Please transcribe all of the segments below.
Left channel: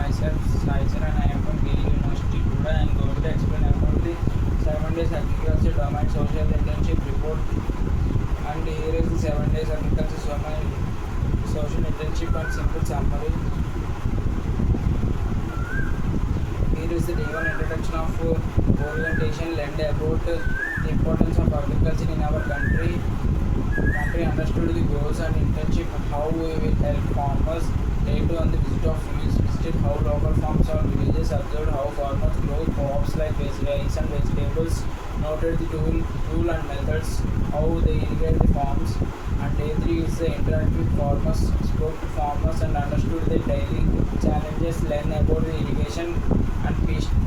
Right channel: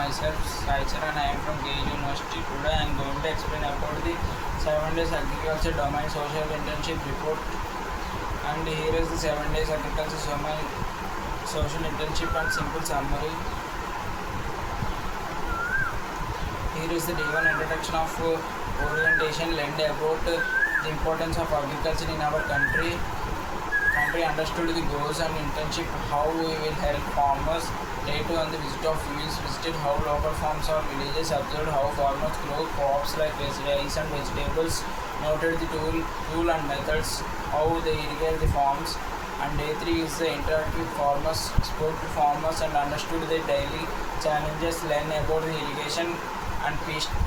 myself Sai Charan. I am from KU University. Today I am going to explain about the 7 days agriculture domain social internship report. And here is the 7 days agriculture domain social internship and simple summary. Here is the day one introduction of orientation learned about the importance of agriculture in our country. Understood the goals and internship, how we will help farmers. Day 2 on the visit of fields, visited how local farms or villages, observed how farmers grow crops like rice and vegetables, noted the tool and methods, how they irrigate the farms. And day 3 is the interact with farmers, spoke to farmers and understood their daily challenges, learn about the irrigation and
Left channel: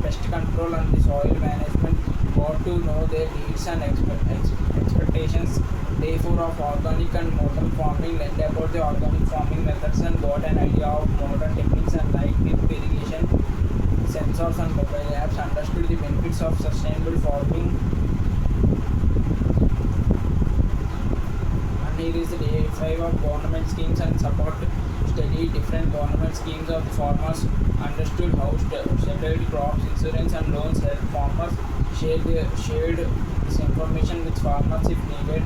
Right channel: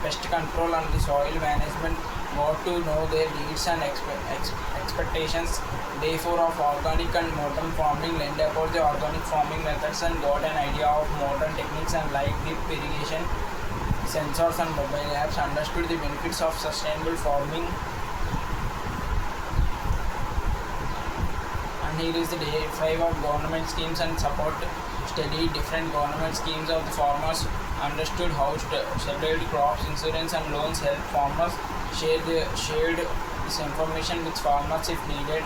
pest control and the soil management, got to know their needs and expectations. Day 4 of organic and modern farming, learned about the organic farming methods and got an idea of modern techniques and like drip irrigation, sensors and mobile apps, understood the benefits of sustainable farming. And here is the day 5 of government schemes and support, study different government schemes of the farmers, understood how separate crops insurance and loans help farmers, shared this information with farmers if needed.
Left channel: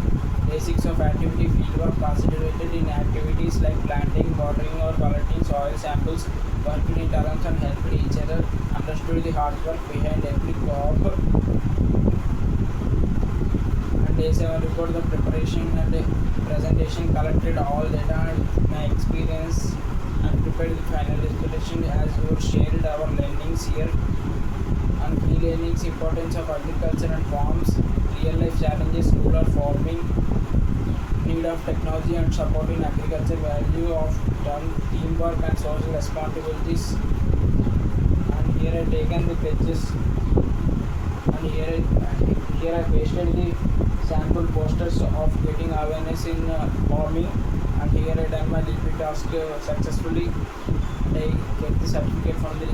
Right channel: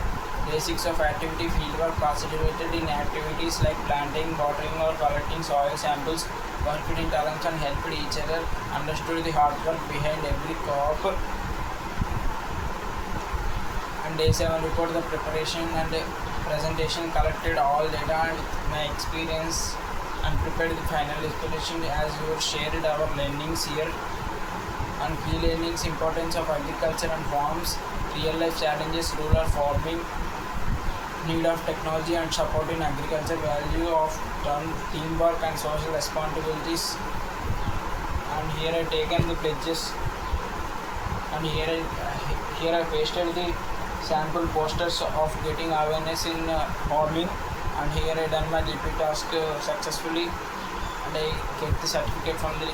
Day 6 of activity fieldwork, participated in activities like planting, watering or collecting soil samples, worked in terms and helped each other, understood the hard work behind every crop. And day 7 report the preparation and presentation, collected all data with my experience and prepared the final explanation as you shared our learnings here. And key learnings, importance of agriculture and farms, real life challenges, rural farming, need of technology and support in agriculture, value of teamwork and social responsibilities. And here I taken the pledges and here I pasted the sample posters of getting awareness in farming. And here I done my DP task successfully and I get the certificate from the